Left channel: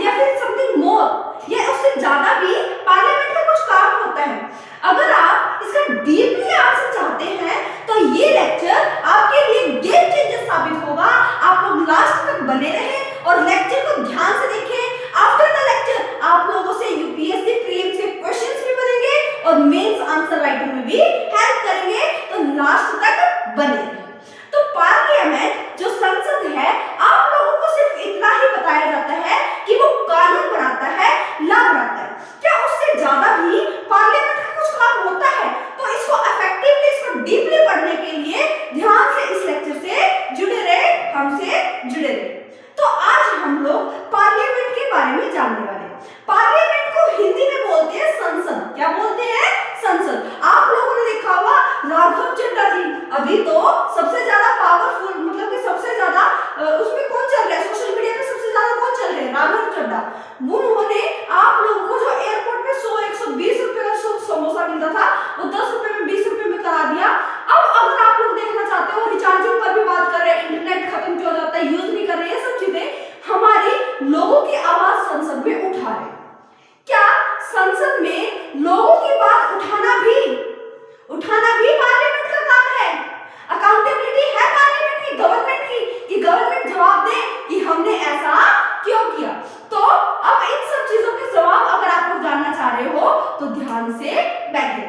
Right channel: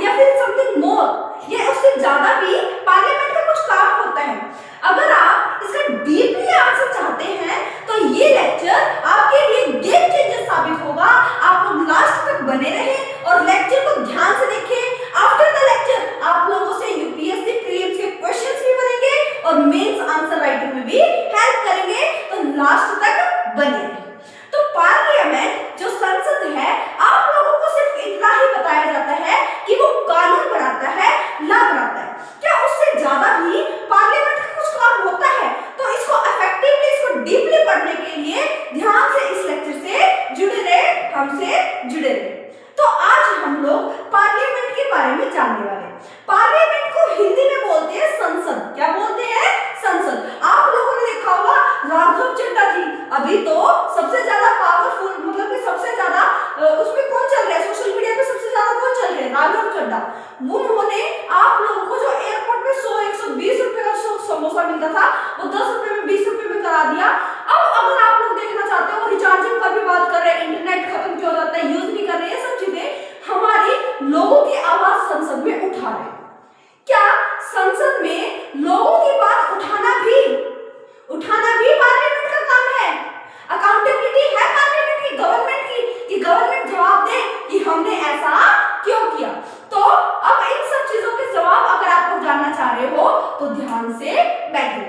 या फिर something more या उससे ज्यादा भी पार्लियामेंट का कुछ काम होता है। अगर आप इसका डीपली आंसर चाहते हैं तो ये लेक्चर आपके लिए गेम चेंजर साबित होगा। आप लोग लास्ट तक बने रहें और लेक्चर को ध्यान से देखें। आफ्टर द लेक्चर आप लोगों से यूपीएससी प्रीलिम्स के क्वेश्चंस भी बनेंगे और मेंस आंसर राइटिंग में भी हेल्प करेंगे, तो लास्ट तक बने रहें। तो पार्लियामेंट जो संसद है, आप लोगों को सिर्फ इतना ही बताया जाता है कि वो कानून बनाता है, लॉ बनाता है। क्या उससे ज्यादा भी पार्लियामेंट का कुछ काम होता है? तो इसको इफेक्टिवली, इसको डीपली पढ़ने के लिए ध्यान से इस लेक्चर से जुड़े रहे, हमसे जुड़े रहे। तो आज हम लोग पार्लियामेंट के बारे में जानने वाले हैं। पार्लियामेंट को हिंदी में बोलते हैं संसद। क्या बोलते हैं? संसद। आप लोगों ने देखा होगा राघव चड्ढा जी अभी तो सबसे ज्यादा पावरफुल, मतलब कि सबसे ज्यादा उसमें कौन चल रहा है, सोशल मीडिया पे सबसे ज्यादा कौन चल रहे हैं? राघव चड्ढा। उन्होंने आप लोगों को जो एयरपोर्ट में 100-120 रुपए का समोसा मिलता था वो 10 रुपए में, 20 रुपए में करा दिया। अब अगर आप लोग देखना चाहते हो, रिचार्जिंग पर भी बात कर रहे हैं, इंटरनेट खत्म क्यों हो जाता है, यूज नहीं कर रहे हैं, सब चीजें हमारी लोगों की आवाज संसद में उठा रहे। क्या संसद में लोगों की बात उठाना भी पार्लियामेंट का काम है? अकाउंटेबिलिटी है पार्लियामेंट की, गवर्नमेंट की, कि गवर्नमेंट जवाब दे कि हमने ऐसा क्यों किया। तो अब इन सब चीजों के जवाब अगर आप लोग जानना चाह रहे हो तो ध्यान से बैठिए।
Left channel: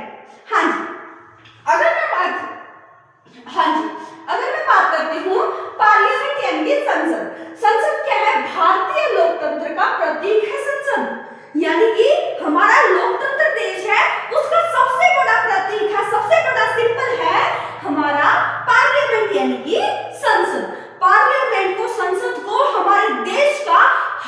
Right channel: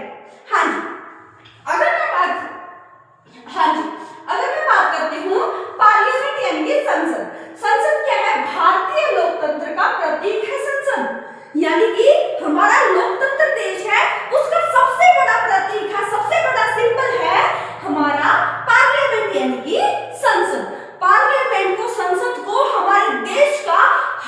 हाँ जी, अगर मैं बात करती हूँ पार्लियामेंट यानी कि संसद। संसद क्या है? भारतीय लोकतंत्र का प्रतीक है संसद, यानी कि हमारा लोकतंत्र देश है, उसका सबसे बड़ा प्रतीक है, सबसे बड़ा सिंबल है हमारा पार्लियामेंट यानी कि संसद। पार्लियामेंट को, संसद को हमारे देश का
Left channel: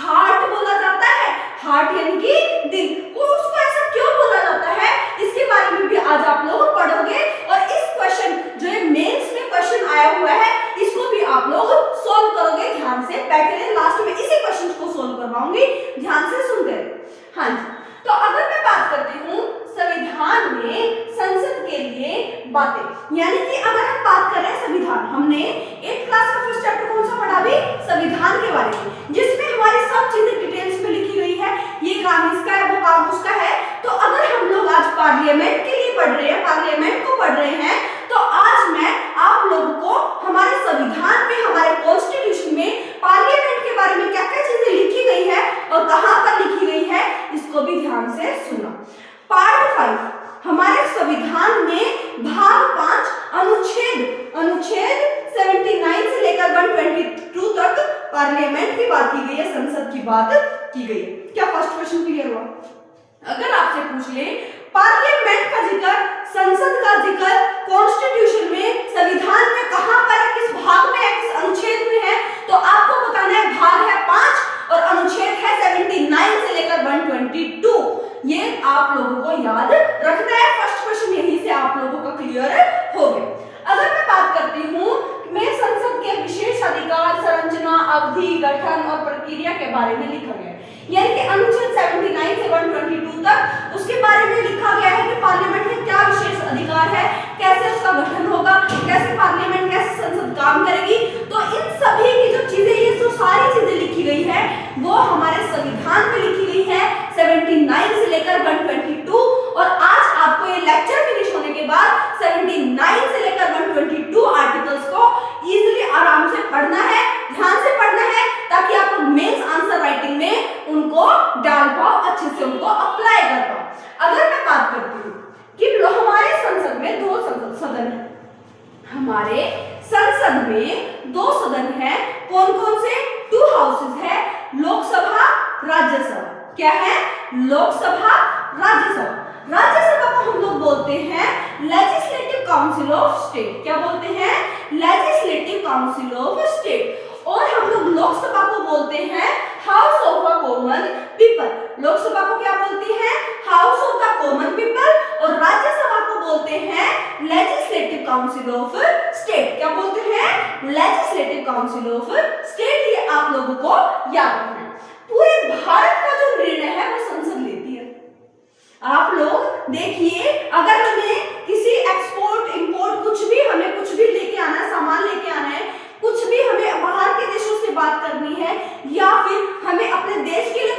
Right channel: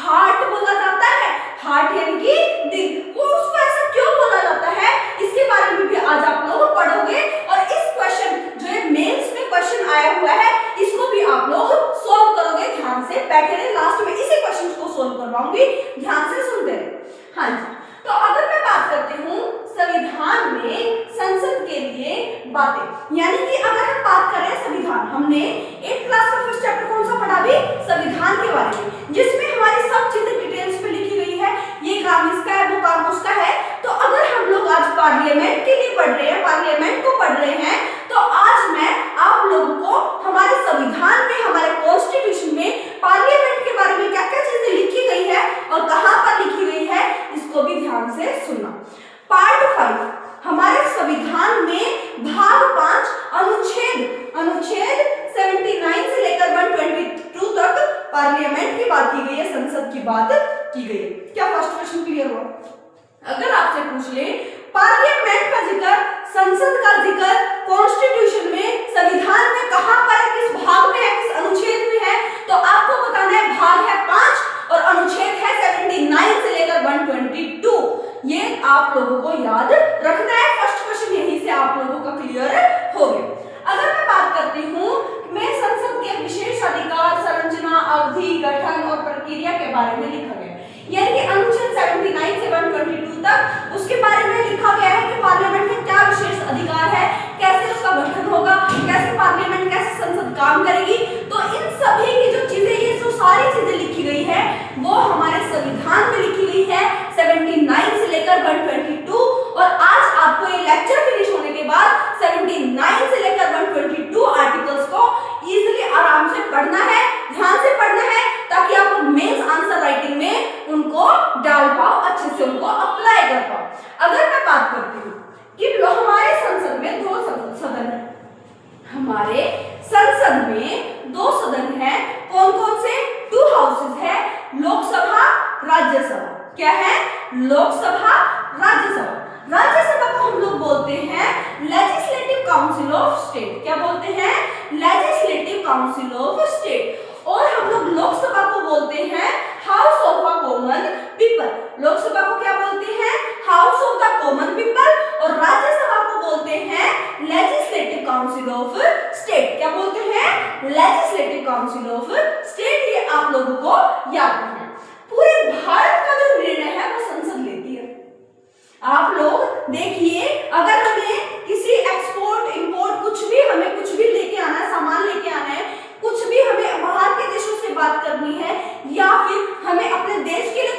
हार्ट बोला जाता है। हार्ट यानी कि दिल। वो उसको ऐसा क्यों बोला जाता है, इसके बारे में भी आज आप लोग पढ़ोगे। और इस क्वेश्चन जो ये मेंस में क्वेश्चन आया हुआ है, इसको भी आप लोग सोल्व करोगे। ध्यान से बैठे रहे, लास्ट में इसी क्वेश्चन को सोल्व करवाऊंगी, ध्यान से सुनते रहे। हाँ जी, तो अगर मैं बात करती हूँ संविधान में संसद के लिए बातें, यानी कि अगर हम बात कर रहे हैं संविधान, हमने 8th क्लास का फर्स्ट चैप्टर कौन सा पढ़ा भी? संविधान के बारे में, जिसमें हमारी सब चीजें डिटेल्स में लिखी गई है, ये काम इसका है, वो काम उसका है। तो अगर हम लोग आज पार्लियामेंट के लिए पढ़ रहे हैं, पार्लियामेंट को पढ़ रहे हैं, तो आज मैं आप लोगों को हमारे संविधान में, हमारे कॉन्स्टिट्यूशन में पार्लियामेंट के बारे में क्या क्या चीजें लिखी गई है और कहां पर लिखी गई है, इसको भी ध्यान से सुनना। पार्ट 5 हमारे संविधान में भाग 5 अनुच्छेद 79 से लेकर 122 तक पार्लियामेंट की बात की गई है, संसद की बात की गई है। क्या फर्स्ट क्वेश्चन क्लियर हुआ? अगर आपसे पूछ ले पार्लियामेंट का जिक्र, संसद का जिक्र कॉन्स्टिट्यूशन में, संविधान में कहां पर है, किस भाग में है, किस अनुच्छेद में है, तो आपको बताना है भाग है 5 और अनुच्छेद है 79 से लेकर 122। ये आप लोगों को याद रखना है। फर्स्ट क्वेश्चन यहीं से आप लोगों का क्लियर हो गया। अगर मैं बात करती हूँ मैं संसद के विशेष अधिकार, संरचना, अवधि, गठन और प्रक्रिया के बारे में लिखा गया है, यानी कि अनुच्छेद 79 से 122 तक उसके बारे में लिखा गया है कि पार्लियामेंट में क्या विशेष अधिकार है, कैसे उसका गठन होगा, कैसे पार्लियामेंट, कैसे संसद काम करेगी। तो इन सभी की जो चीजें, ये जो सारी चीजें लिखी गई है वो हमारे संविधान में लिखी गई है 79 से लेकर 122। और आज आपको ये लेक्चर फिनिश होने के बाद 79 से लेकर 122 आर्टिकल्स को इजीली आराम से पढ़ना है, ध्यान से पढ़ना है, ताकि आप लोग मेंस आंसर राइटिंग में उनको डाल पाओ, अच्छे से उनको अप्लाई कर पाओ। अगर मैं बात करती हूँ कि हमारे संसद में 2 सदन है, हमारे संसद में 2 सदन है, कौन कौन से? 2 हाउसेस है, लोकसभा, राज्यसभा। क्या है? लोकसभा, राज्यसभा। राज्यसभा को हम लोग बोलते हैं लेजिस्लेटिव काउंसिल ऑफ स्टेट। क्या बोलते हैं? Legislative council of state. और हम लोग लोकसभा को बोलते हैं house of the common people. Lok Sabha को क्या बोलते हैं? House of the common people. और राज्यसभा को बोलते हैं लेजिस्लेटिव काउंसिल ऑफ स्टेट। क्या बोलते हैं? Legislative council of state. ये आप लोगों को याद रखना है। पूरे भारत का जो निर्णय है वो संसद लेती है। आप लोग देखिए, अगर हमें किसी एक्सपोर्ट इंपोर्ट कुछ भी लेके आना है, सामान लेके आना है, कुछ भी हमें बाहर के देशों से बात करनी है, या फिर हमें अपने देश के लिए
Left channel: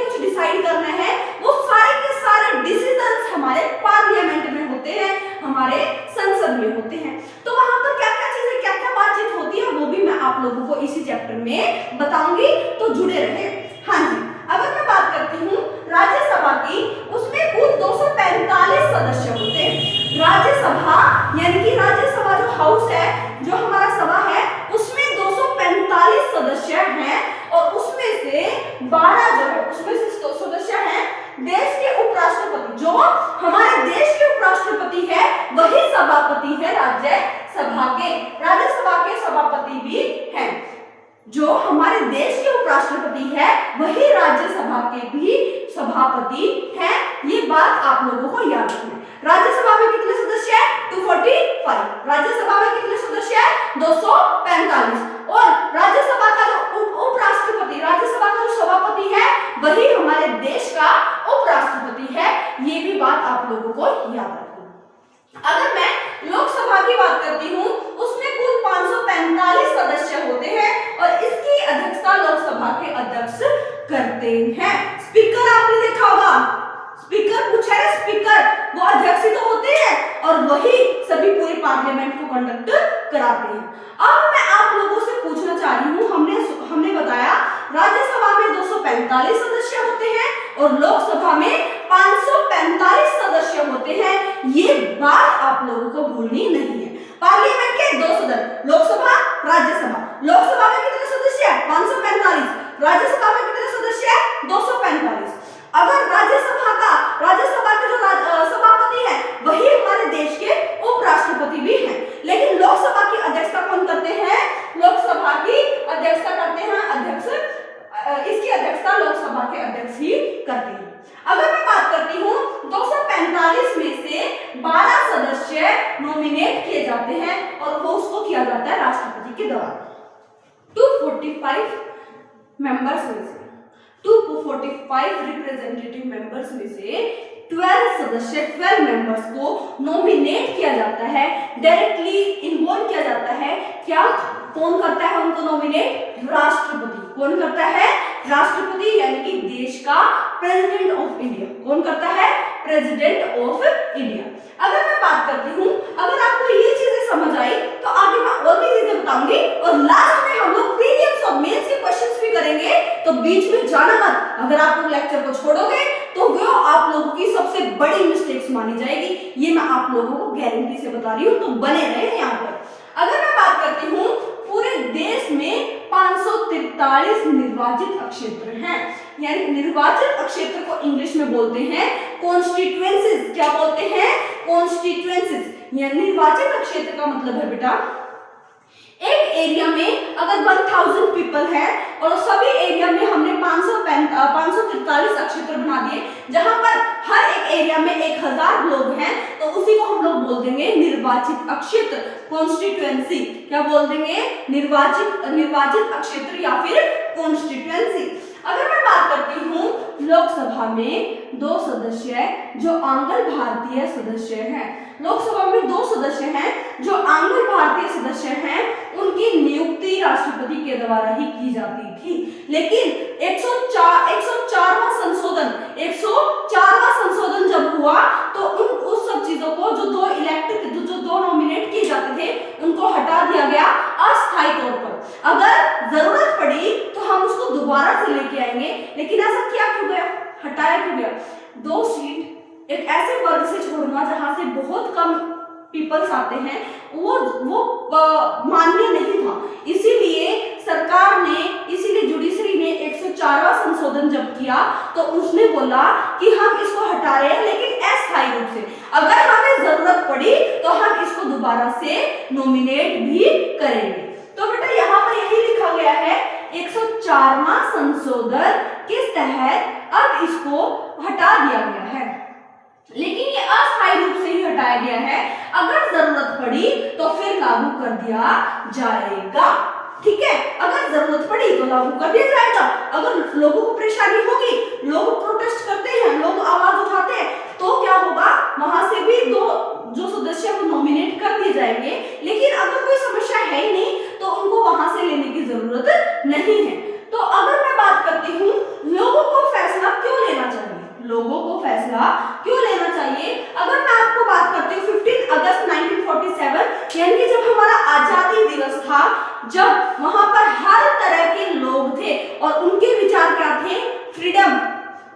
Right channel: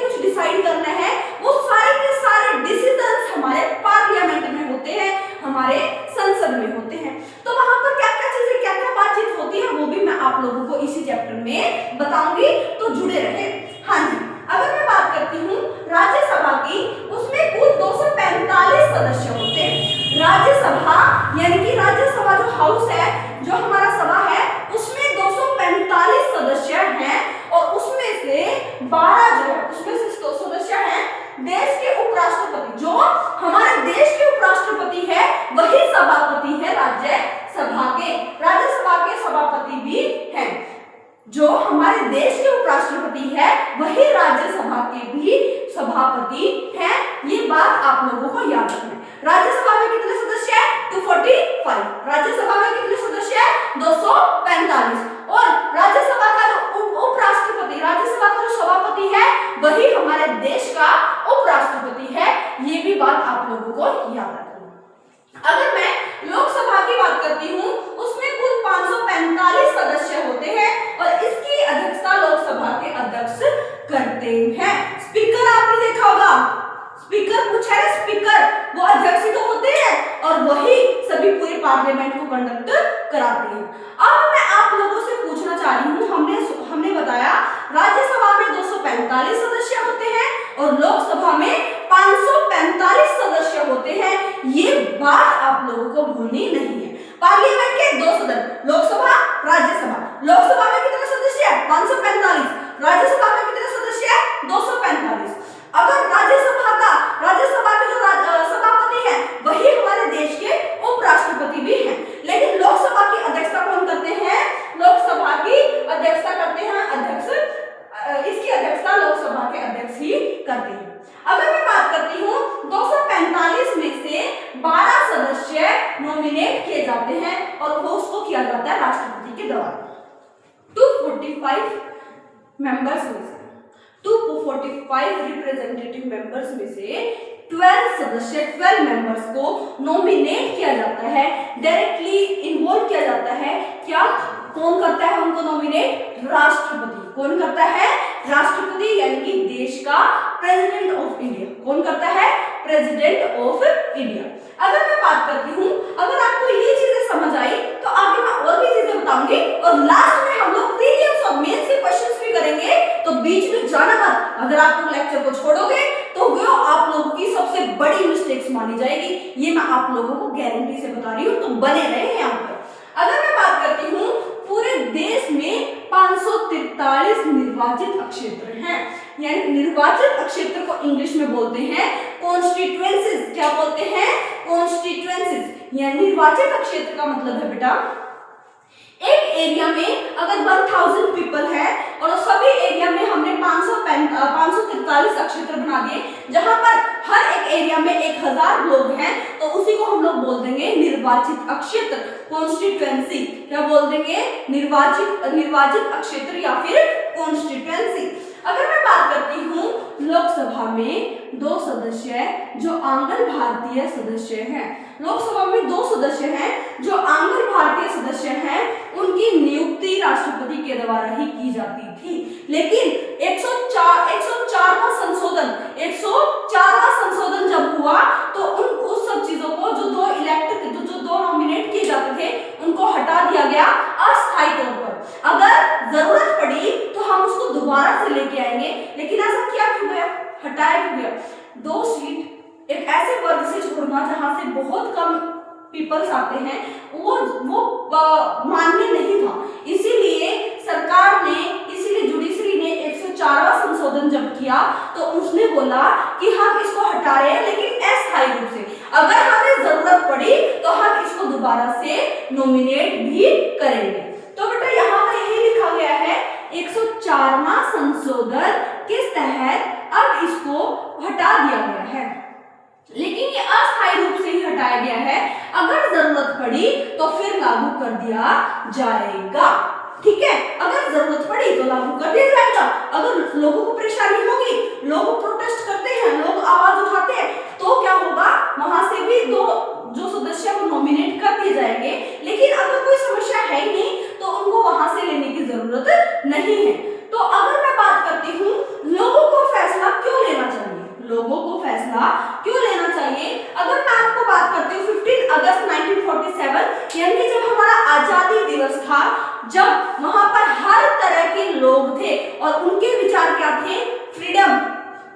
देश के उपराष्ट्रपति, जो हमारे देश के उपराष्ट्रपति है वही सभापति है राज्यसभा के। राज्यसभा के सभापति भी हैं। जो हमारे देश के उपराष्ट्रपति है वही राज्यसभा के भी सभापति हैं। ये बात आप लोगों को याद रखना है। राज्यसभा में कितने सदस्य हैं? 245। राज्यसभा में कितने सदस्य हैं? 245। और राज्यसभा का जो उपराष्ट्रपति, राज्यसभा का जो सभापति है वही हमारे देश का उपराष्ट्रपति है। ये भी बात आप लोगों को याद रखना है। अगर मैं लोकसभा की बात करती हूँ, उसमें कुल 545 सदस्य होते हैं और इसकी अध्यक्षता लोकसभा के अध्यक्ष करते हैं। स्पीकर आपने देखा होगा, स्पीकर पूछा है, स्पीकर वो अध्यक्ष तो होते हैं और वही सभी पूरे पार्लियामेंट को कंडक्ट कराते हैं। अब मैं आप लोगों से पूछना चाह रही हूँ, हमने बताया राज्यसभा में 245 सदस्य होते हैं और लोकसभा में 545 सदस्य होते हैं। ये बात आप लोगों को भूलनी नहीं है। पार्लियामेंट के दो सदन, लोकसभा, राज्यसभा। लोकसभा में कितने सदस्य हैं? 545। राज्यसभा में कितने सदस्य हैं? 245। अगर राज्यसभा के जो सभापति हैं वही हमारे देश के उपराष्ट्रपति भी हैं, लेकिन लोकसभा की अध्यक्षता कौन करते हैं? लोकसभा की अध्यक्षता करते हैं अध्यक्ष। इसकी अध्यक्षता लोकसभा के अध्यक्ष ही करते हैं। अगर मैं बात करती हूँ 245 में से 12 सदस्य नॉमिनेट किए जाते हैं और वो उसको किया जाता है राष्ट्रपति के द्वारा। 245 मेंबर्स में से 245 रिप्रेजेंटेटिव मेंबर्स में से 12 मेंबर्स को नॉमिनेट किया जाता है, डायरेक्टली इन्वॉल्व किया जाता है। क्या कौन करता है उनको नॉमिनेट? राष्ट्रपति। कौन करता है? राष्ट्रपति, यानी कि देश का प्रेसिडेंट ऑफ इंडिया। कौन करता है? President of India. अगर मैं बात करती हूँ, अगर आपको ये चीजें समझ आई तो आगे मैं और भी चीजें बताऊंगी और लास्ट में हम लोग प्रीलिम्स और मेंस के क्वेश्चंस भी करेंगे, तो बीच में जाना मत। अगर आप लोग लेक्चर को छोड़ोगे तो वो आप लोगों की सबसे बड़ी मिस्टेक्स मानी जाएगी। ये मैं आप लोगों को गारंटी से बता रही हूँ, तो बने रहे यहाँ पर। अगर मैं बात करती हूँ, पूरे देश में 543 निर्वाचित क्षेत्र हैं, यानी निर्वाचित क्षेत्र को इंग्लिश में बोलते हैं कॉन्स्टिट्यूएंसीज। क्या बोलते हैं? कॉन्स्टिट्यूएंसीज। यानी निर्वाचित क्षेत्र का मतलब है बेटा, एक एरिया में अगर 1000 पीपल है और सभी एरिया में हमने 543 क्षेत्र बना दिए, जहां पर हर एक एरिया में 1000 लोग हैं, तो उसी को हम लोग बोल देंगे निर्वाचित क्षेत्र, कॉन्स्टिट्यूएंसी। क्या बोल देंगे? निर्वाचित क्षेत्र या फिर कॉन्स्टिट्यूएंसी। अगर मैं बात करती हूँ, लोकसभा में 2 सदस्य हैं जो आंग्ल भारतीय सदस्य हैं। लोकसभा में 2 सदस्य हैं जो आंग्ल भारतीय सदस्य हैं, उनकी नियुक्ति राष्ट्रपति के द्वारा ही की जाती थी। लेकिन 104वां संशोधन जब हुआ तो उस सब चीजों को जो 2 नॉमिनेट किए जाते थे उनको हटा दिया गया अस्थायी तौर पर। अगर जरूरत पड़ी तो हम उसको दोबारा से लेके आएंगे, लेकिन ऐसा किया क्यों गया? हटाया क्यों गया? 2 सीट एक ऐसे वर्ग से छोड़ना जहां से बहुत कम पीपल्स आते हैं, वो मान्य नहीं था। इसीलिए सरकार ने, इसीलिए जुडिशरी ने 104वां संशोधन जब किया तो उसने बोला कि हम इसको हटा रहे हैं, लेकिन अस्थायी रूप से। अगर हमें जरूरत पड़ी तो हम इसको दोबारा से नॉमिनेट भी करेंगे। तो बेटा यहाँ पर यही लिखा गया है 104वां संशोधन किस तहत अब इसको हटा दिया गया है, लेकिन ये अस्थायी रूप से ही हटाया गया है। अगर जरूरत पड़ी तो फिर लागू कर दिया जाएगा। ठीक है, अगर जरूरत पड़ी तो लागू कर दिया जाएगा। अगर लोगों को परेशानी होगी, लोग प्रोटेस्ट करते हैं, लोग आवाज उठाते हैं, तो क्या होगा? वहां से भी 2 जो सदस्य वो नॉमिनेट कर दिए जाएंगे। लेकिन अगर कोई समस्या है ही नहीं तो उनको वहां से लेने की जरूरत नहीं है। तो अगर मैं बात करती हूँ, लोगों को फैसला क्यों लेना चाहिए? लोगों को फैसला क्यों लेना चाहिए? अगर मैं आपको बात करती हूँ 15 अगस्त 1947, यानी कि जब हमारा आजादी दिवस था, जब वहां पर हर तरह के लोग थे और उनके विचार क्या थे?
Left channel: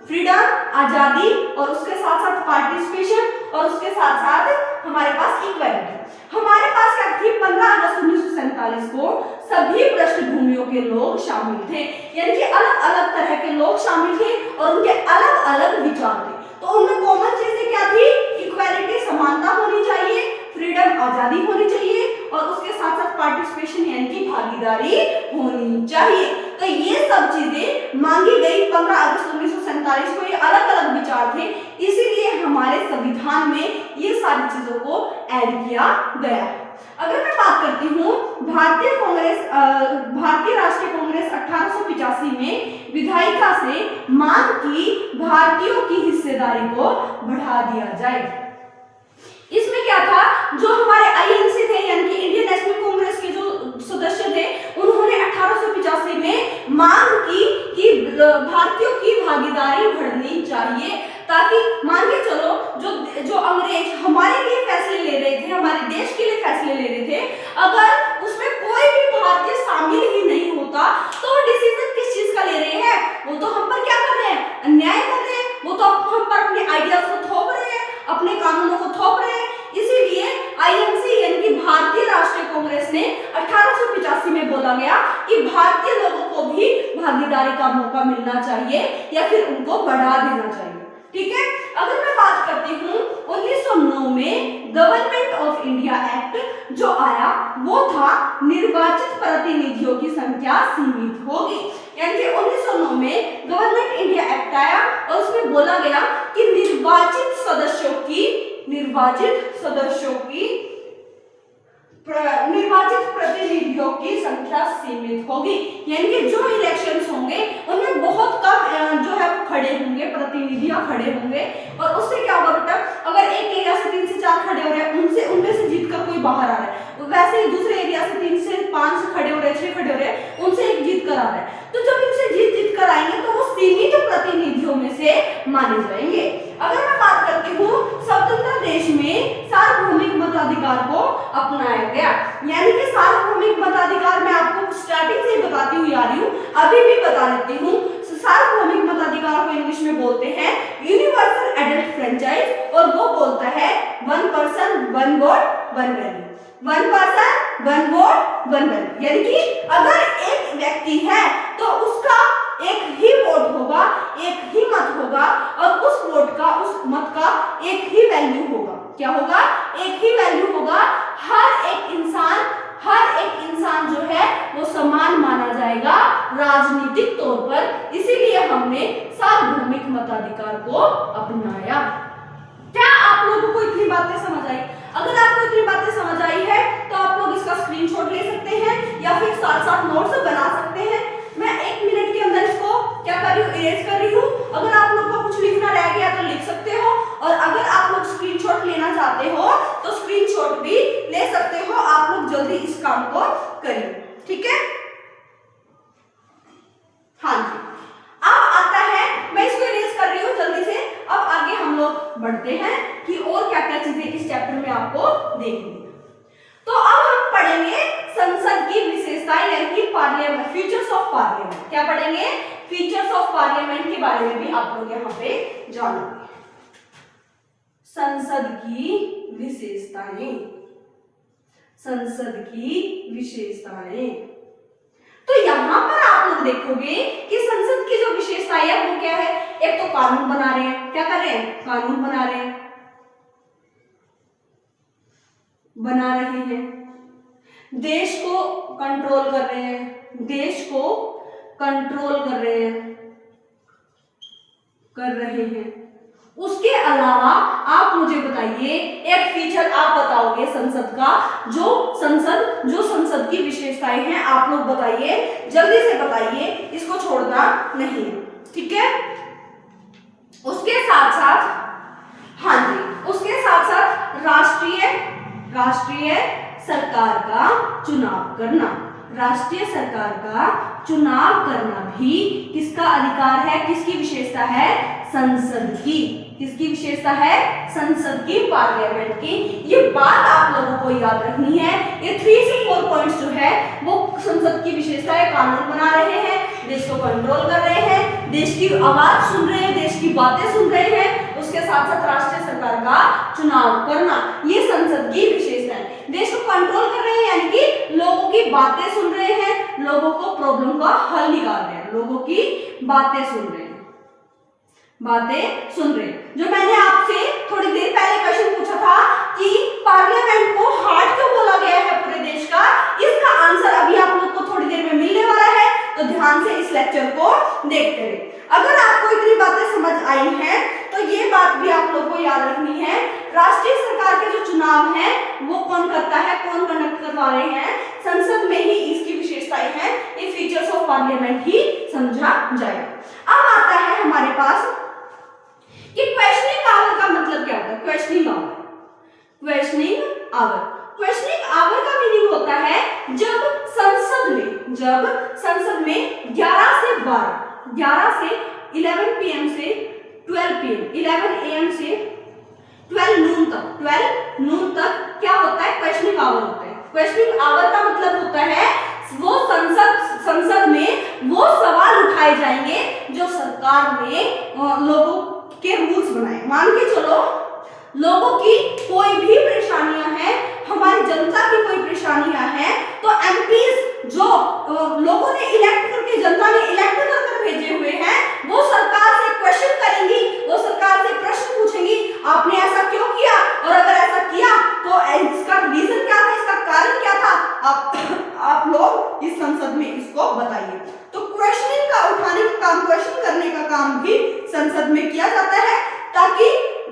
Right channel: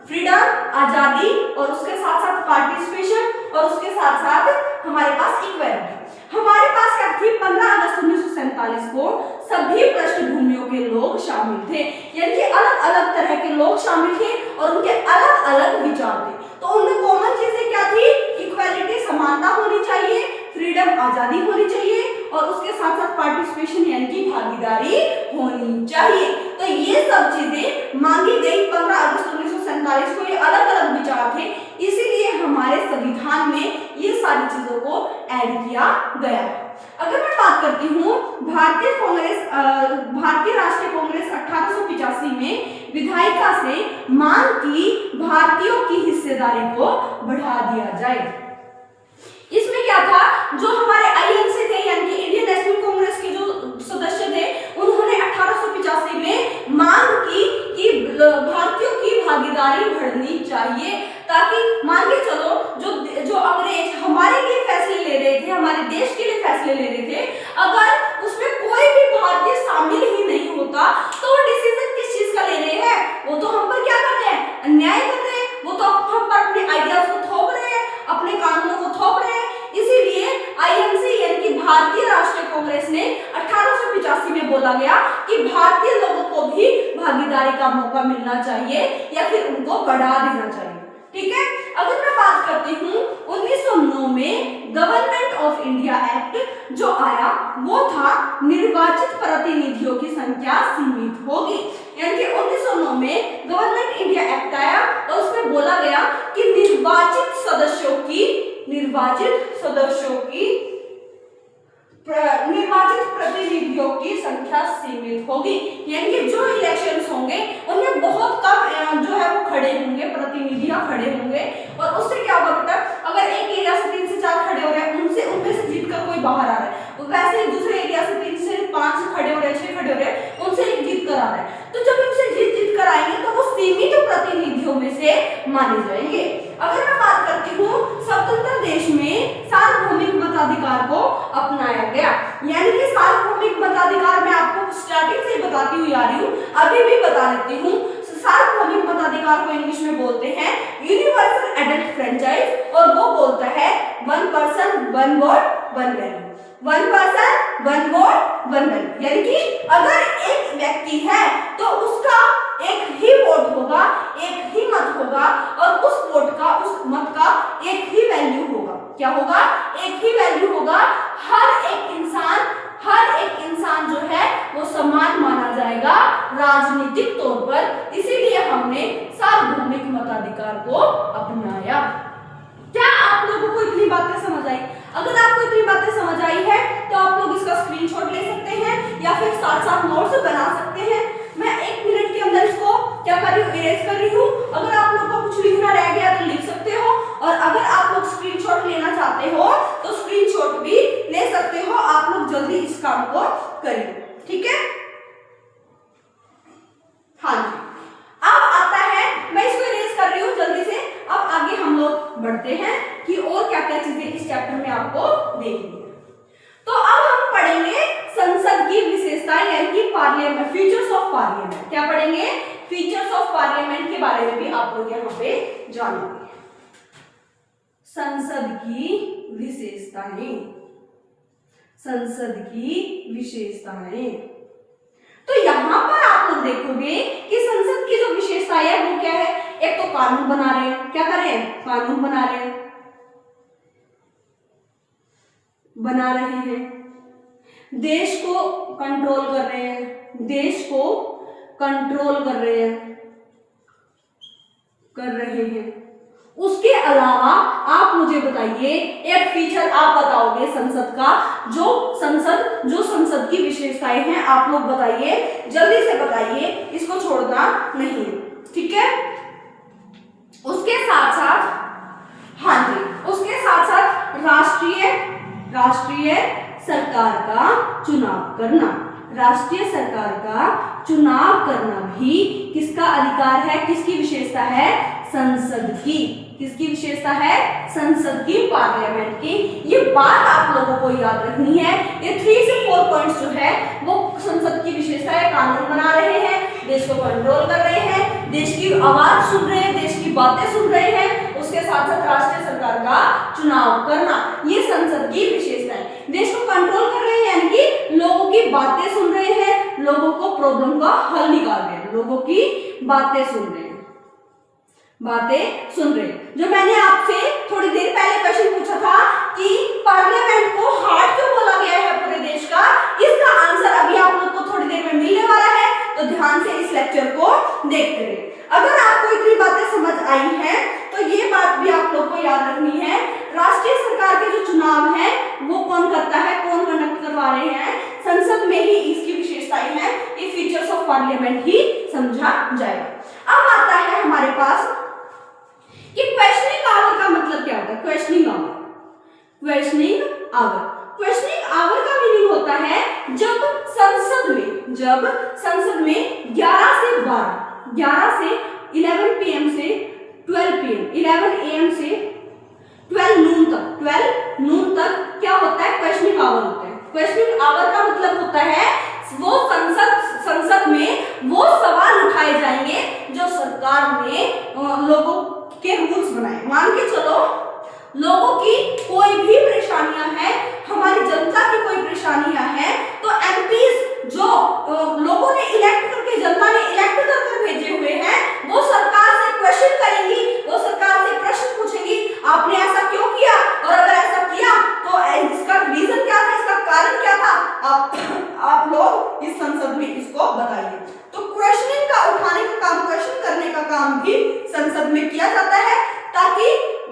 फ्रीडम, आजादी, और उसके साथ साथ पार्टिसिपेशन, और उसके साथ साथ हमारे पास इक्वालिटी। हमारे पास क्या थी? 15 अगस्त 1947 को सभी पृष्ठभूमियों के लोग शामिल थे, यानी कि अलग अलग तरह के लोग शामिल थे और उनके अलग अलग विचार आजादी होनी चाहिए और उसके साथ साथ पार्टिसिपेशन यानी कि भागीदारी होनी चाहिए। तो ये सब चीजें मांगी गई 15 अगस्त 1947 को। ये अलग अलग विचार थे, इसीलिए हमारे संविधान में ये सारी चीजों को ऐड किया गया है। अगर मैं बात करती हूँ भारतीय राष्ट्रीय कांग्रेस 1885 में विधायिका से मांग की भारतीयों की हिस्सेदारी को बढ़ा दिया जाए। इसमें क्या था, जो हमारे आईएनसी थे यानी कि इंडियन नेशनल कांग्रेस के जो सदस्य थे, उन्होंने 1885 में मांग की कि भारतीयों की भागीदारी बढ़नी चाहिए, ताकि मान के चलो जो अंग्रेज हमारे लिए फैसले ले रहे थे, हमारे देश के लिए फैसले ले रहे थे, अगर उसमें कोई भी भारतीय शामिल ही नहीं होता तो डिसीजन किस चीज का ले रहे हैं, वो तो हम पर क्या कर रहे हैं, अन्याय कर रहे हैं, वो तो हम पर अपने आइडियाज को थोप रहे हैं, अपने कानूनों को थोप रहे हैं। इसीलिए आईएनसी यानी कि भारतीय राष्ट्रीय कांग्रेस ने 1885 में बोला गया कि भारतीय लोगों को भी भागीदारी का मौका मिलना चाहिए या फिर उनको बढ़ा देना चाहिए। ठीक है, अगर मैं बात करती हूँ 1909 में गवर्नमेंट ऑफ इंडिया एक्ट जो आया वो था निर्वाचित प्रतिनिधियों की संख्या सीमित होगी। यानी कि 1909 में गवर्नमेंट इंडिया एक्ट आया और उसमें बोला गया कि निर्वाचित सदस्यों निर्वाचित प्रतिनिधियों की संख्या सीमित होगी। यानी कि जो इलेक्शंस होंगे उनमें बहुत कम जो है वो खड़े होंगे, प्रतिनिधियां खड़े होंगे। और उससे क्या होगा बेटा, अगर एक एरिया से 3 से 4 खड़े हो रहे हैं, उनमें से जीतकर कोई बाहर आ रहा है, वैसे ही दूसरे एरिया से 3 से 5 खड़े हो रहे हैं, 6 खड़े हो रहे हैं, उनसे एक जीत कर आ रहा है, तो जब इनसे जीत कर आएंगे तो वो सीमित प्रतिनिधियों में से माने जाएंगे। अगर मैं बात करती हूँ स्वतंत्र देश में सार्वभौमिक मताधिकार को अपनाया गया। यानी कि सार्वभौमिक मताधिकार मैं आपको स्टार्टिंग से ही बताती हुई आ रही हूँ, अभी भी बता देती हूँ। सार्वभौमिक मताधिकार को इंग्लिश में बोलते हैं यूनिवर्सल एडल्ट फ्रेंचाइज, और वो बोलता है 1 person 1 vote 1 value. 1 person 1 vote 1 value, यानी कि अगर एक व्यक्ति है तो उसका एक ही वोट होगा, एक ही मत होगा, और उस वोट का, उस मत का एक ही वैल्यू होगा। क्या होगा? एक ही वैल्यू होगा। हर एक इंसान जो है वो समान माना जाएगा राजनीतिक तौर पर। इसीलिए हमने सार्वभौमिक मताधिकार को अपनाया। क्या आप लोगों को इतनी बातें समझ आई? अगर आपको इतनी बातें समझ आई है तो आप लोग इसका स्क्रीनशॉट ले सकते हैं या फिर साथ साथ नोट्स बना सकते हैं। मैं 1 मिनट के अंदर इसको क्या कर रही हूँ, इरेज कर रही हूँ। अगर आप लोग को कुछ लिखना रह गया तो लिख सकते हो, और अगर आप लोग स्क्रीनशॉट लेना चाहते हो तो स्क्रीनशॉट भी ले सकते हो। आप लोग जल्दी इस काम को करिए, ठीक है? हाँ जी, अब आता है, मैं इसको इरेज कर रही हूँ जल्दी से। अब आगे हम लोग बढ़ते हैं कि और क्या क्या चीजें इस चैप्टर में आपको देखनी है। तो अब हम पढ़ेंगे संसद की विशेषताएं यानी कि पार्लियामेंट, फीचर्स ऑफ पार्लियामेंट। क्या पढ़ेंगे? फीचर्स ऑफ पार्लियामेंट के बारे में भी आप लोग यहाँ पे जानेंगे। संसद की विशेषताएं, संसद की विशेषताएं। तो यहाँ पर आप लोग देखोगे कि संसद की जो विशेषताएं है वो क्या है? एक तो कानून बना रहे हैं। क्या कर रहे हैं? कानून बना रहे हैं, देश को कंट्रोल कर रहे हैं, देश को कंट्रोल कर रहे हैं। उसके अलावा आप मुझे बताइए एक फीचर आप बताओगे संसद का, जो संसद की विशेषताएं हैं आप लोग बताइए, जल्दी से बताइए, इसको छोड़ना नहीं, ठीक है? उसके साथ साथ, हाँ जी, उसके साथ साथ राष्ट्रीय सरकार का चुनाव करना, राष्ट्रीय सरकार का चुनाव करना भी किसका अधिकार है? किसकी विशेषता है? संसद की। किसकी विशेषता है? संसद की, पार्लियामेंट की। ये बात आप लोगों को याद रखनी है। ये 3 से 4 पॉइंट्स जो है वो संसद की विशेषता है। कानून बना रहे हैं, देश को कंट्रोल कर रहे हैं, देश की आवाज सुन रहे हैं, देश की बातें सुन रहे हैं, उसके साथ साथ राष्ट्रीय सरकार का चुनाव करना, ये संसद की विशेषता है। देश को कंट्रोल कर रहे हैं यानी कि लोगों की बातें सुन रहे हैं, लोगों को प्रॉब्लम का हल निकाल रहे हैं, लोगों की बातें सुन रहे हैं, जो मैंने आपसे थोड़ी देर पहले क्वेश्चन पूछा था कि पार्लियामेंट को हार्ट क्यों बोला गया है पूरे देश का, इसका आंसर अभी आप लोग को थोड़ी देर में मिलने वाला है, तो ध्यान से इस लेक्चर को देखते रहिए। अगर आपको इतनी बातें समझ आई हैं तो ये बात भी आप लोग को याद रखनी है, राष्ट्रीय सरकार के जो चुनाव हैं वो कौन करता है, कौन कंडक्ट करवा रहे हैं, संसद में ही इसकी विशेषताएं हैं, ये फीचर्स ऑफ पार्लियामेंट ही समझा जाएगा। अब आता है हमारे पास कि क्वेश्चनिंग आवर का मतलब क्या होता है। Questioning hour, questioning hour, questioning hour का मीनिंग होता है जब संसद में 11 से 11 पीएम से 12 पीएम, 11 एएम से 12 नून तक क्या होता है, क्वेश्चनिंग आवर होता है। क्वेश्चनिंग आवर का मतलब होता है वो संसद में वो सवाल उठाए जाएंगे जो सरकार ने लोगों के रूल्स बनाए। मान के चलो लोगों की कोई भी परेशानियां हैं, हमारी जनता की कोई परेशानियां हैं, तो एमपीज जो लोगों ने इलेक्ट करके, जनता ने इलेक्ट करके भेजे हुए हैं, वो सरकार से क्वेश्चन करेंगी, वो सरकार से प्रश्न पूछेंगी, आपने ऐसा क्यों किया, और अगर ऐसा किया तो इसका रीजन क्या था, इसका कारण क्या था, आप लोग इस संसद में इसको बताइए। तो क्वेश्चनिंग का उठाने का काम, क्वेश्चन करने का काम भी संसद में किया जाता है, ताकि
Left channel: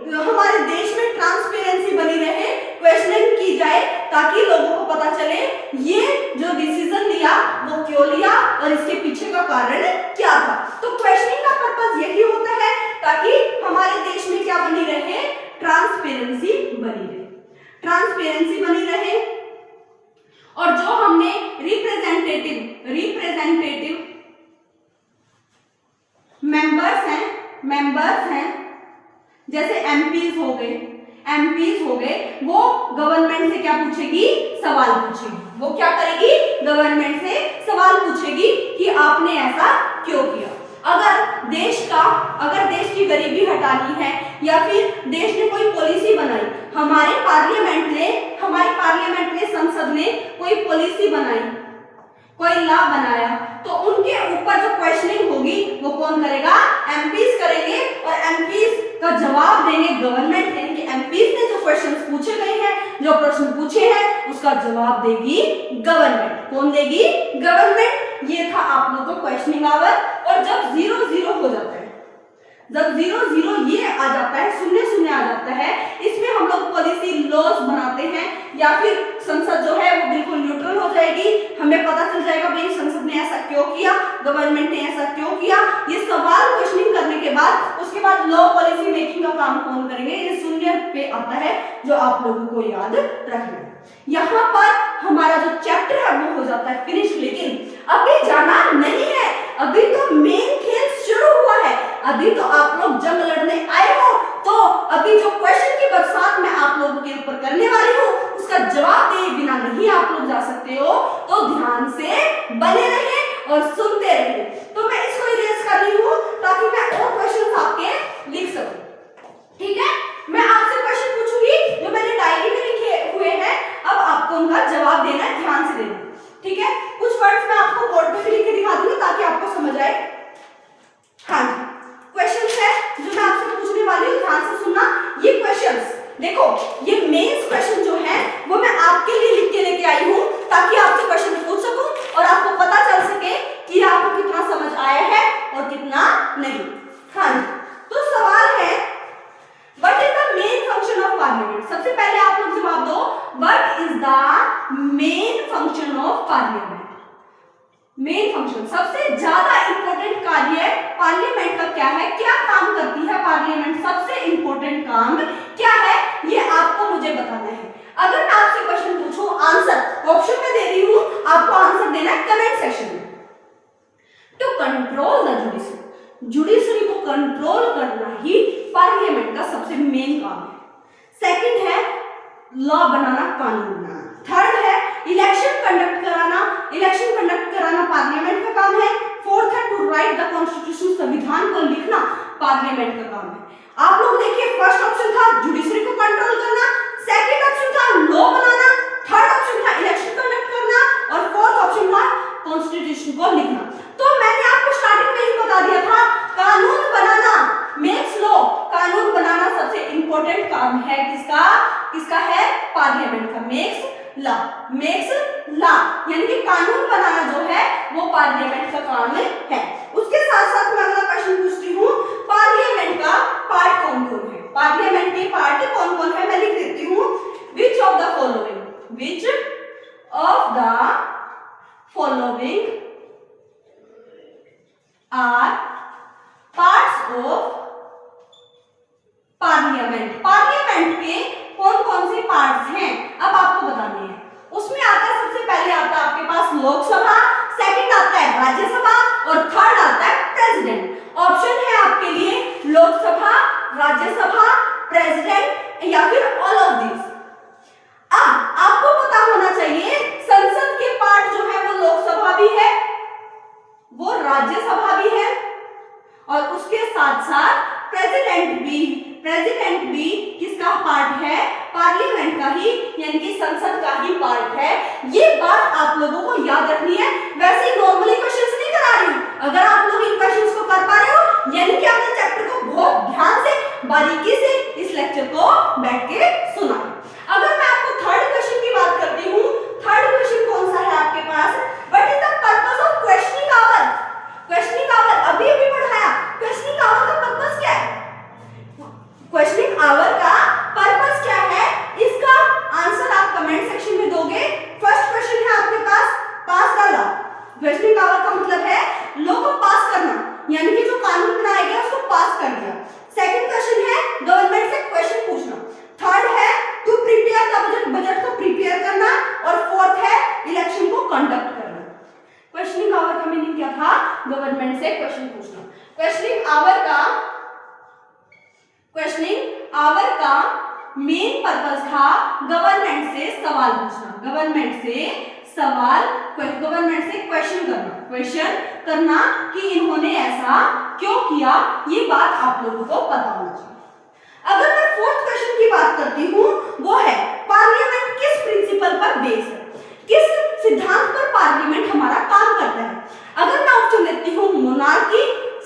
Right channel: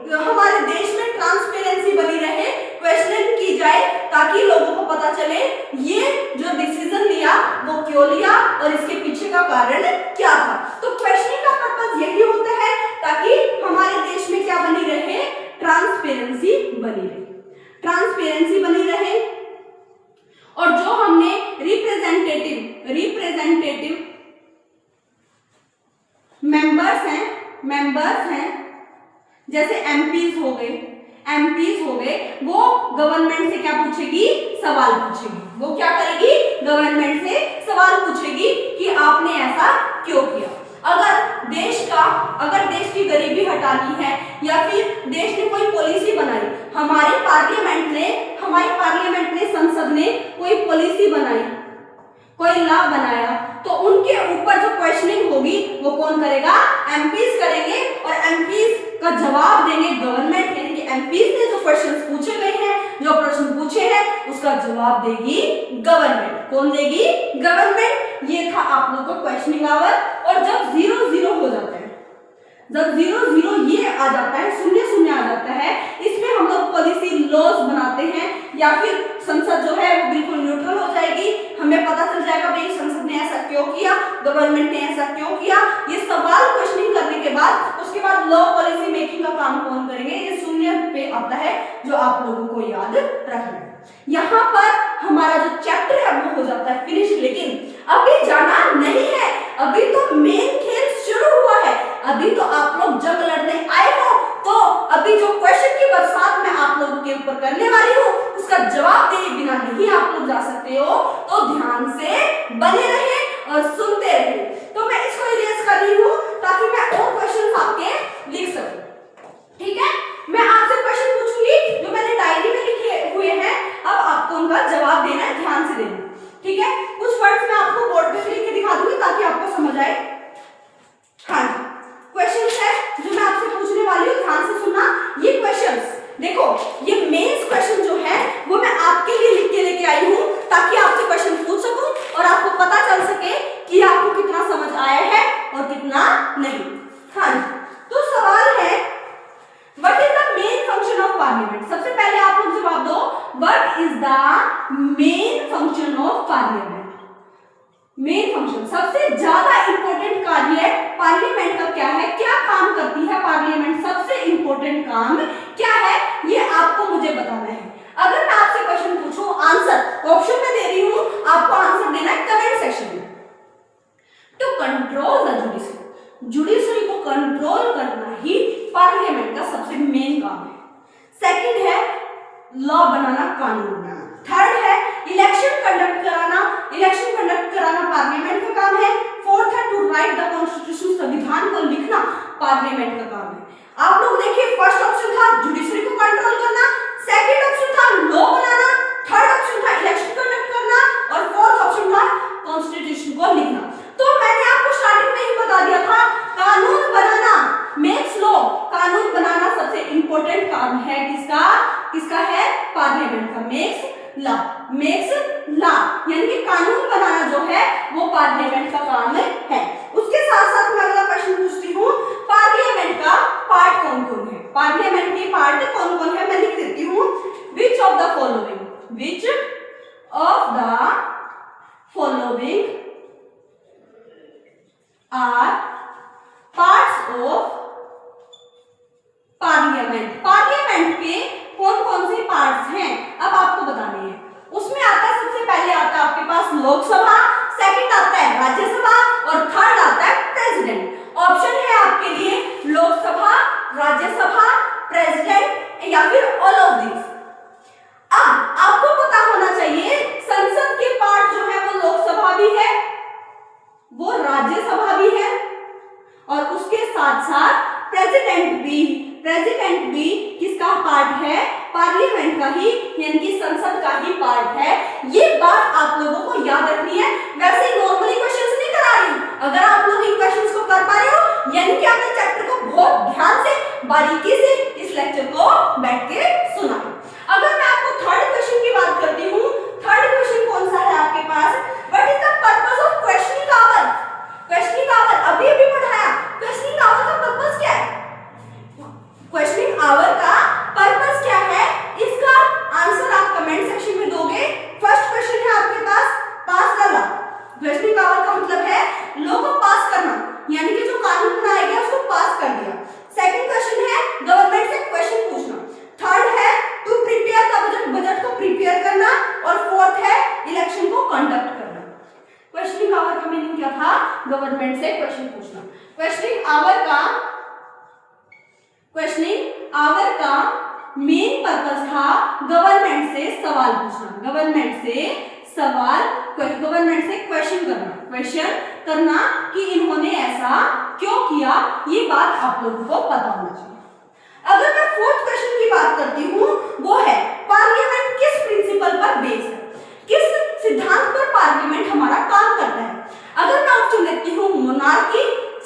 हमारे देश में ट्रांसपेरेंसी बनी रहे, क्वेश्चनिंग की जाए, ताकि लोगों को पता चले ये जो डिसीजन लिया वो क्यों लिया और इसके पीछे का कारण क्या था। तो क्वेश्चनिंग का पर्पस यही होता है ताकि हमारे देश में क्या बनी रहे, ट्रांसपेरेंसी बनी रहे, ट्रांसपेरेंसी बनी रहे। और जो हमने रिप्रेजेंटेटिव मेंबर्स हैं जैसे एमपीज हो गए, वो गवर्नमेंट से क्या पूछेगी, सवाल पूछेगी। वो क्या करेगी, गवर्नमेंट से सवाल पूछेगी कि आपने ऐसा क्यों किया। अगर देश की गरीबी हटानी है या फिर देश ने कोई पॉलिसी बनाई, हमारे पार्लियामेंट ने संसद ने कोई पॉलिसी बनाई, कोई लॉ बनाया, तो उनके ऊपर जो क्वेश्चनिंग होगी वो कौन करेगा, एमपीज करेंगे, और एमपीज का जवाब देंगे गवर्नमेंट, यानी कि एमपीज ने जो क्वेश्चंस पूछे गए हैं, जो प्रश्न पूछे हैं, उसका जवाब देगी गवर्नमेंट। कौन देगी, गवर्नमेंट। ये था आप लोगों को क्वेश्चनिंग आवर। और जब 0-0 हो जाता है, जब 0-0 ये आ जाता है, 0-0 आ जाता है, इसमें हम लोग पॉलिसी लॉज बनाते हैं, या फिर संसद जो है वो बिल्कुल न्यूट्रल हो जाएगी, हमें पता चल जाएगा भाई संसद ने ऐसा क्यों किया, गवर्नमेंट ने ऐसा क्यों किया। ये सवाल क्वेश्चनिंग करने के बाद उसके बाद लॉ पॉलिसी मेकिंग का काम कौन करेंगे, ये 0 पे आता है, जो आप लोगों को याद रखना है। यहाँ पर हमारा जो चैप्टर है वो हो जाता है फिनिश। लेकिन अभी जाना नहीं है, अभी तो मेन खेल शुरू हुआ है, अभी तो आप लोग जंग लड़ने आए हो, तो अभी जो क्वेश्चन की बरसात मैं आप लोगों के ऊपर करने वाली हूँ उसका जवाब दिए बिना नहीं आप लोग जा सकते हो, तो ध्यान से बने रहे और सुनते रहे। तो मैं इसको इरेज कर रही हूँ ताकि मैं और क्वेश्चन आपके लिख सकूं, ठीक है। मैं आपसे क्वेश्चन पूछूंगी जो मैंने डायरी में लिखे हुए हैं, अब आपको उनका जवाब देना है, ध्यान से देना, ठीक है। कुछ वर्ड्स मैं आपको बोर्ड पे लिख के दिखा दूंगी ताकि आपको समझ आए। हाँ जी, क्वेश्चंस है जो मैं आपसे पूछने वाली हूँ, ध्यान से सुनना। ये क्वेश्चंस देखो, ये मेंस क्वेश्चन जो है वो मैं आपके लिए लिख के लेके आई हूँ ताकि आपसे क्वेश्चन पूछ सकूं और आपको पता चल सके कि आपको कितना समझ आया है और कितना नहीं। हाँ जी, तो सवाल है what is the main function of parliament. सबसे पहले आप लोग जवाब दो, what is the main function of parliament. Main function, सबसे ज्यादा इंपॉर्टेंट कार्य पार्लियामेंट का क्या है, क्या काम करती है पार्लियामेंट, सबसे इंपॉर्टेंट काम क्या है, ये आपको मुझे बताना है। अगर मैं आपसे क्वेश्चन पूछूं, आंसर ऑप्शन में दे रही हूं, आपको आंसर देना है कमेंट सेक्शन में। To control the judiciary, judiciary को कंट्रोल करना ही पार्लियामेंट का सबसे मेन काम है। सेकंड है लॉ बनाना, कानून बनाना। थर्ड है इलेक्शन कंडक्ट कराना पार्लियामेंट का काम है। फोर्थ है टू राइट द कॉन्स्टिट्यूशन, संविधान को लिखना पार्लियामेंट का काम है। आप लोग देखिए, फर्स्ट ऑप्शन था जुडिशरी को कंट्रोल करना, सेकंड ऑप्शन था लॉ बनाना, थर्ड ऑप्शन था इलेक्शन कंडक्ट करना, और फोर्थ ऑप्शन था कॉन्स्टिट्यूशन को लिखना। तो मैंने आपको स्टार्टिंग में ही बता दिया था, कानून बनाना, मेक्स लॉ, कानून बनाना सबसे इंपॉर्टेंट काम है किसका, किसका है? पार्लियामेंट का। मेक्स लॉ यानी कि कानून बनाना जो है वो पार्लियामेंट का काम है। उसके साथ साथ मैं अगला क्वेश्चन पूछती हूँ, पार्लियामेंट का पार्ट कौन कौन है? पार्लियामेंट के पार्ट कौन कौन है मैं लिख देती हूँ। Which of the following are parts of parliament. Parliament के कौन कौन से पार्ट्स हैं अब आपको बताने हैं। उसमें आता है, सबसे पहले आता है आपके पास लोकसभा, सेकंड आता है राज्यसभा और थर्ड आता है प्रेसिडेंट। ऑप्शन है आपके लिए लोकसभा, राज्यसभा, प्रेसिडेंट या फिर ऑल ऑफ दिस। अब आपको पता होना चाहिए संसद के पार्ट जो है वो लोकसभा भी है, वो राज्यसभा भी है और उसके साथ साथ प्रेसिडेंट भी किसका पार्ट है? पार्लियामेंट का ही, यानी कि संसद का ही पार्ट है। ये बात आप लोगों को याद रखनी है। वैसे ही नॉर्मली क्वेश्चंस नहीं करा रही हूं। अगर आप लोग इन क्वेश्चंस को कर पा रहे हो यानी कि आपने चैप्टर को बहुत ध्यान से, बारीकी से इस लेक्चर को बैठ के सुना। अगर मैं आपको थर्ड क्वेश्चन की बात करती हूँ, थर्ड क्वेश्चन कौन सा है आपके पास? What is the purpose of questioning hour? Questioning hour अभी पढ़ाया। क्वेश्चनिंग आवर का पर्पस क्या है? क्वेश्चनिंग आवर का पर्पस क्या है? इसका आंसर आप कमेंट सेक्शन में दोगे। फर्स्ट क्वेश्चन है आपके पास, पास द लॉ। क्वेश्चनिंग आवर का मतलब है लॉ को पास करना, यानी कि जो कानून बनाया गया उसको पास कर दिया। सेकंड क्वेश्चन है गवर्नमेंट से क्वेश्चन पूछना। थर्ड है to prepare the budget, budget को प्रिपेयर करना। और फोर्थ है इलेक्शन को कंडक्ट करना। क्वेश्चनिंग आवर का मीनिंग क्या था? गवर्नमेंट से क्वेश्चन पूछना। क्वेश्चनिंग आवर का मेन पर्पस था गवर्नमेंट से सवाल पूछना, गवर्नमेंट से क्वेश्चन करना कि इन्होंने ऐसा क्यों किया। ये बात आप लोगों को पता होना चाहिए। अगर मैं फोर्थ क्वेश्चन की बात करती हूँ, वो है पार्लियामेंट किस प्रिंसिपल पर बेस है, किस सिद्धांत पर पार्लियामेंट हमारा काम करता है। अगर मैं ऑप्शन लेती हूँ मोनार्की,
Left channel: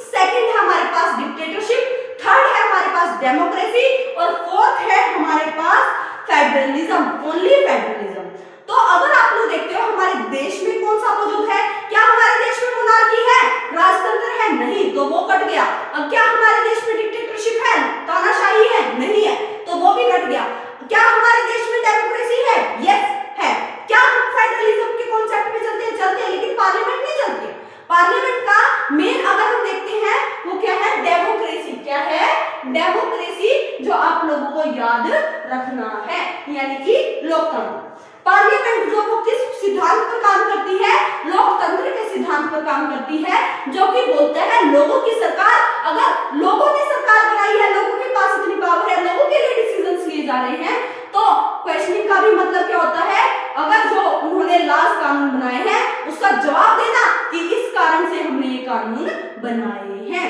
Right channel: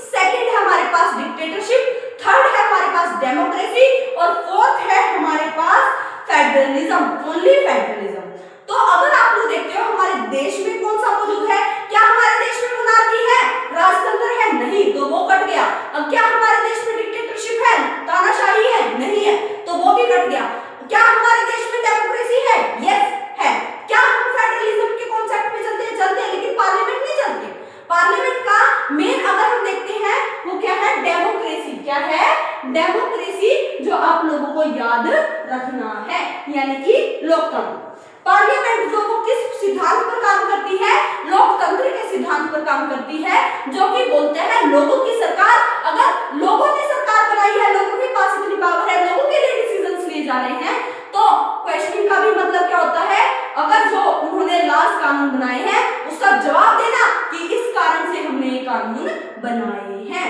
सेकंड है हमारे पास डिक्टेटरशिप, थर्ड है हमारे पास डेमोक्रेसी और फोर्थ है हमारे पास फेडरलिज्म, ओनली फेडरलिज्म। तो अगर आप लोग देखते हो हमारे देश में कौन सा मौजूद है? क्या हमारे देश में मोनार्की है, राजतंत्र है? नहीं, तो वो कट गया। अब क्या हमारे देश में डिक्टेटरशिप है, तानाशाही है? नहीं है, तो वो भी कट गया। क्या हमारे देश में डेमोक्रेसी है? यस है। क्या हम फेडरलिज्म के कॉन्सेप्ट पे चलते हैं, लेकिन पार्लियामेंट नहीं चलती। पार्लियामेंट का मेन अगर हम देखते हैं वो क्या है? डेमोक्रेसी। क्या है? डेमोक्रेसी, जो आप लोगों को याद रखना है, यानी कि लोकतंत्र। पार्लियामेंट जो वो किस सिद्धांत पर काम करती है? लोकतंत्र के सिद्धांत पर काम करती है, जो कि बोलते हैं लोगों की सरकार। अगर लोगों ने सरकार बनाई है, लोगों के पास इतनी पावर है, लोगों के लिए डिसीजंस लिए जा रहे हैं, तो क्वेश्चनिंग का भी मतलब क्या होता है? अगर जो उन्होंने लॉज कानून बनाए हैं उसका जवाब देना कि इस कारण से हमने ये कानून बनाए हैं।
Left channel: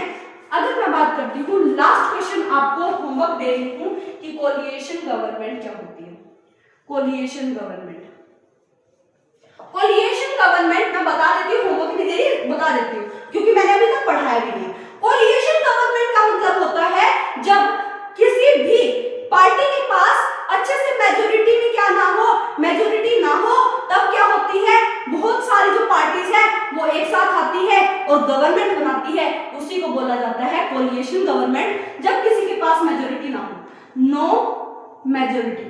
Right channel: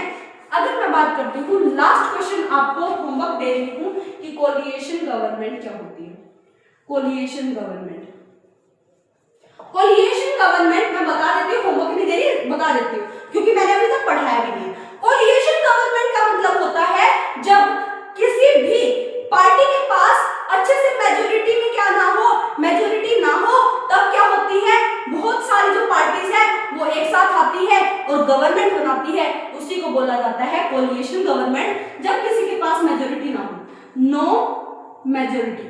अगर मैं बात करती हूँ लास्ट क्वेश्चन, आपको होमवर्क दे रही हूँ कि कोलिएशन गवर्नमेंट क्या होती है। कोलिएशन गवर्नमेंट मैं बता देती हूँ, होमवर्क नहीं दे रही, बता देती हूँ क्योंकि मैंने अभी तक पढ़ाया भी नहीं। कोलिएशन गवर्नमेंट का मतलब होता है जब किसी भी पार्टी के पास अच्छे से मेजोरिटी में क्या ना हो, मेजोरिटी ना हो, तब क्या होती है? बहुत सारी जो पार्टीज है वो एक साथ आती है और गवर्नमेंट बनाती है, उसी को बोला जाता है कोलिएशन गवर्नमेंट। जब किसी के पास मेजोरिटी ना हो, नो मेजोरिटी,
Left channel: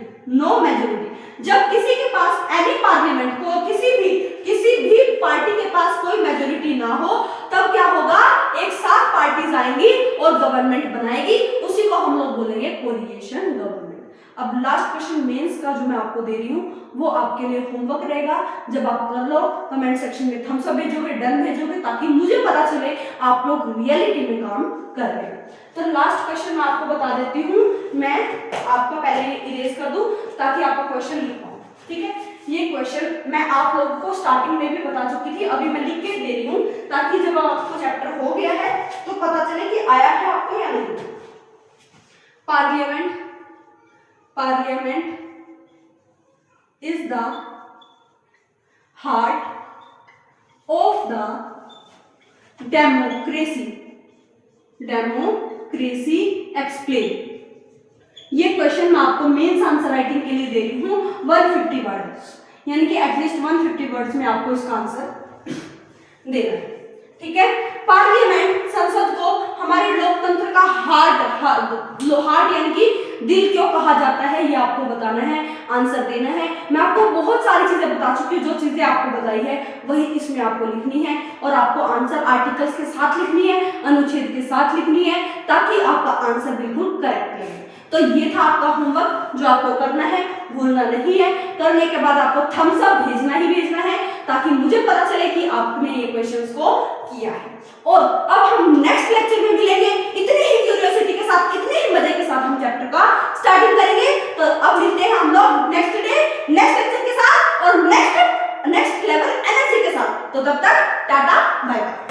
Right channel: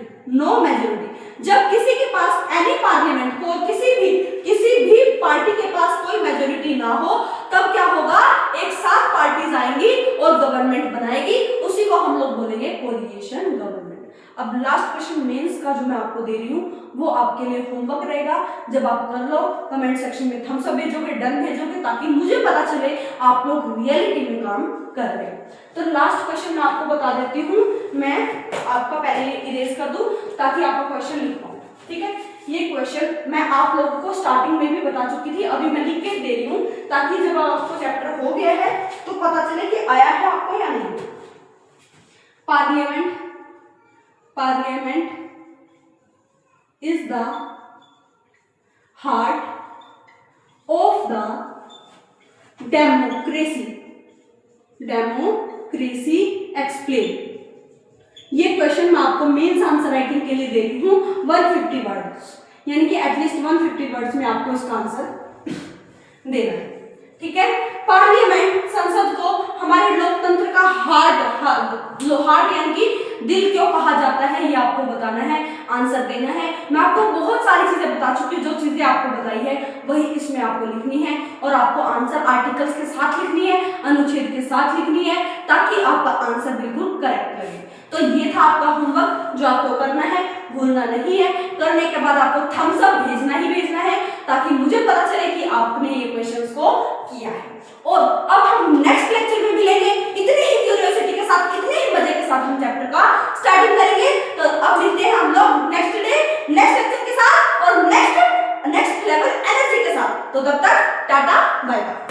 जब किसी के पास एनी पार्लियामेंट को, किसी भी पार्टी के पास कोई मेजोरिटी ना हो, तब क्या होगा? एक साथ पार्टीज आएंगी और गवर्नमेंट बनाएगी, उसी को हम लोग बोलेंगे कोलिएशन गवर्नमेंट। अब लास्ट क्वेश्चन मेंस का जो मैं आपको दे रही हूँ वो आपके लिए होमवर्क रहेगा। जब आप कर लो कमेंट सेक्शन में थम्स अप भेजोगे, डन भेजोगे, ताकि मुझे पता चले आप लोग रियलिटी में काम कर रहे हैं। तो लास्ट क्वेश्चन मैं आपको बता देती हूँ, मैं आपका पहले इरेज कर दूं ताकि आपका क्वेश्चन लिख पाऊँ। ठीक है, ये क्वेश्चन मैं आप लोगों को स्टार्टिंग में भी बता चुकी थी, अभी मैं लिख के दे रही हूँ ताकि जब आपको चैप्टर हो गया है तो पता चले कि आया है आपको या नहीं। Parliament is the heart of the democracy explain। ये क्वेश्चन मैं आपको मेंस आंसर राइटिंग के लिए दे रही हूँ 150 वर्ड्स, यानी कि एटलीस्ट 150 वर्ड्स में आपको इसका आंसर देना है। ठीक है, पार्लियामेंट संसद को हमारे लोकतंत्र का हार्ट यानी कि दिल क्यों कहा जाता है, ये आपको बताना है, आंसर देना है। मैं आपको बहुत सारी चीजें बता चुकी हूँ, जो चीजें आपको बताई है वही इसमें आपको लिखनी है, और आपको आंसर आर्टिकल्स के साथ लिखनी है, अनुच्छेद के साथ लिखनी है, ताकि आपका आंसर बिल्कुल करेक्ट लगे। तो ये था आपका होमवर्क जो आपको करना है, भूलना नहीं है। करने के बाद आपको थम्स अप भेजना ही भेजना है, ताकि मुझे पता चले कि आपने ये क्वेश्चंस को किया है। और अब हम नेक्स्ट लेक्चर में मिलेंगे, इतने ही क्यूरियोसिटी के साथ, इतने ही मजे के साथ हम चैप्टर का स्टार्टिंग करेंगे। तो अब मिलते हैं हम लोग नेक्स्ट डे नेक्स्ट लेक्चर के साथ और नेक्स्ट लेवल एनर्जी के साथ। तो तब तक टाटा बाय बाय।